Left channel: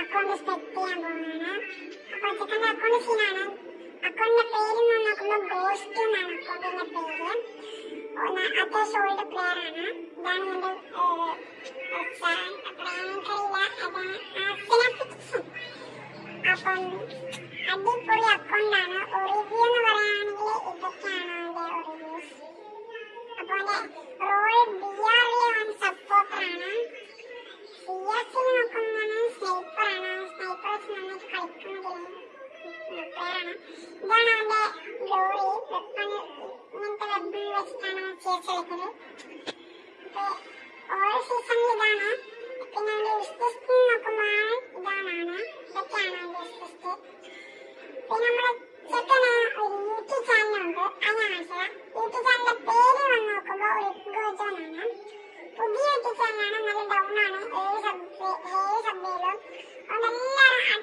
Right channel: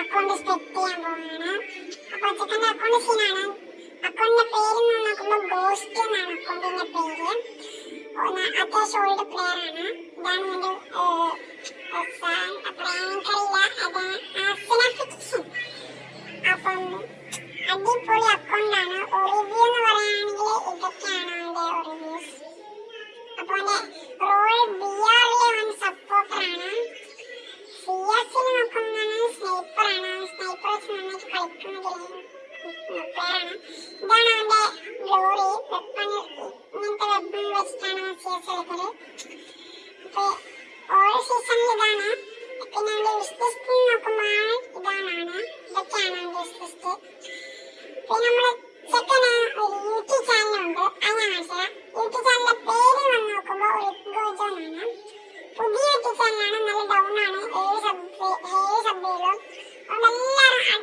Account set ചെയ്യാൻ പോവുകയാണ്. അപ്പൊ ചെക്കൻ്റെ അക്കൗണ്ട് സീനാണ്. അക്കൗണ്ടിന്റെ പേര് നോക്കുമ്പോൾ ഗോസ്റ്റ് എന്നാണ് അക്കൗണ്ടിന്റെ പേര്. അത്യാവശ്യം ഓൾഡ് പ്ലെയർ ആണ്. ഇതാണ് എന്റെ അപ്പം അടിപൊളി അക്കൗണ്ടാണ്. റിവ്യൂ എന്ന് പറയുകയാണെങ്കിൽ ഇതൊക്കെയാണ് അവന്റെ റിവ്യൂസ്. അപ്പൊ റോൾ BR സപ്പോർട്ടറാണ്. CS നോക്കുന്നതാണ് സ്നൈപ്പറാണ്. സ്നൈപ്പർ വെച്ച് നന്നായിട്ട് കളിക്കുന്ന പ്ലെയറാണ്. ഇതാണ് അവന്റെ ഗ്ലോറി. വെപ്പൺ ഇങ്ങനത്തെ വെപ്പൺ വെച്ചിട്ടാണ് CS കളിക്കുന്നത്. അപ്പൊ ഓരോ സീസണിൽ ഇതാണ്. പിന്നെ അവന്റെ വിഷ് ലിസ്റ്റ് നോക്കുമ്പോൾ ഇതൊക്കെയാണ് അവന്റെ വിഷ് ലിസ്റ്റ്. പിന്നെ നമ്മളെ ചെക്കന് ഒരു യൂട്യൂബ് ചാനലുണ്ട്. അത് ഞാൻ മനസ്സിലാം. യൂട്യൂബ് ചാനലിന്റെ പേര് വന്ന് നോക്കുമ്പോൾ ഒരു ഗോജോൺ ആണ്. പുതിയ യൂട്യൂബ് ചാനലാണ്. നല്ല ഡൗൺ ആണ്. 7 സബ്ബേലും. അതുകൊണ്ട് എല്ലാവരും